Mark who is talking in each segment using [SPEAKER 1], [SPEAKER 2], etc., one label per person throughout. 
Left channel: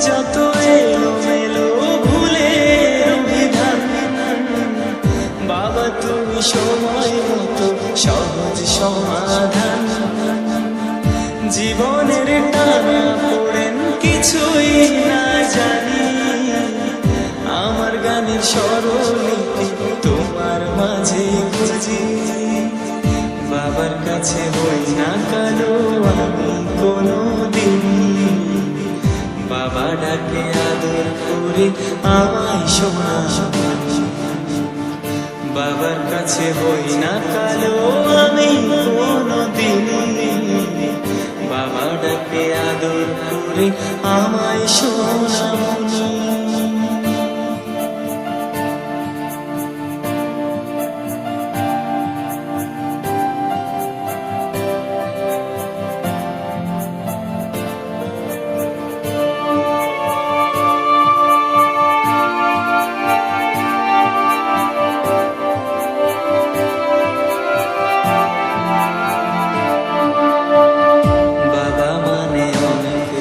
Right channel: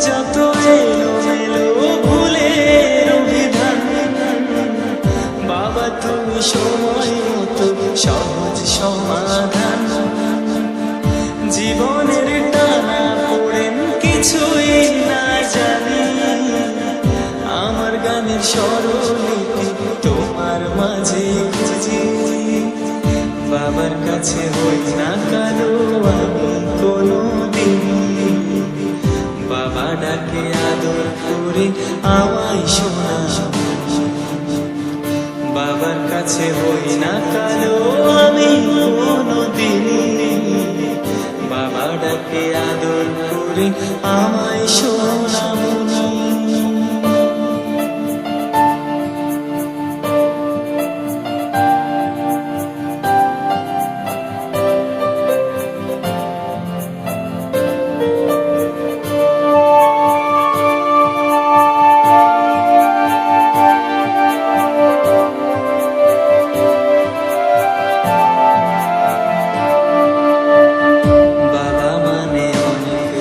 [SPEAKER 1] যত এলো মেলো ভুলের অভিধান। বাবা, তুমি সময় মতো সহজ সমাধান। জীবনের টানা পড়েন কিছুই না জানি। আমার গানের স্বরলিপি তোমার মাঝে খুঁজি। বাবার কাছে হই না কালো আমি কোনো দিন ডাকে আদর করে আমায় শোনা। বাবার কাছে হই না কালো আমি কোনো দিন বাবা ডাকে আদর করে আমায় শোনা মনি।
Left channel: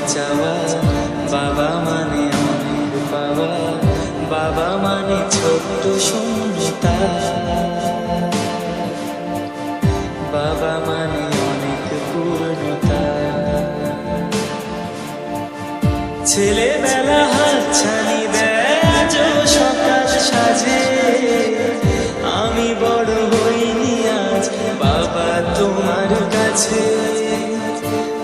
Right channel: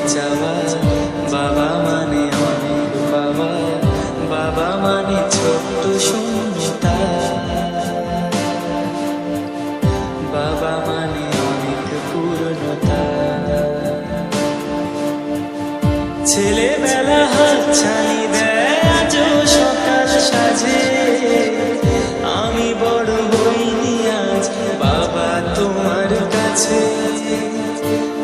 [SPEAKER 1] চাওয়া। বাবা মানে অনেক পাওয়া। বাবা মানে ছোট্ট বাবা মানে অনেক পূর্ণতা। ছেলেবেলা হাতছানি দেয় আজও সকাল সাজে আমি বড় হইনি আজ। বাবা তোমার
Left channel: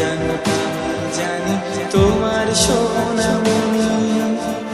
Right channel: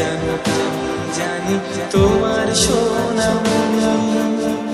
[SPEAKER 1] আমি জানি তোমার সোনা মনি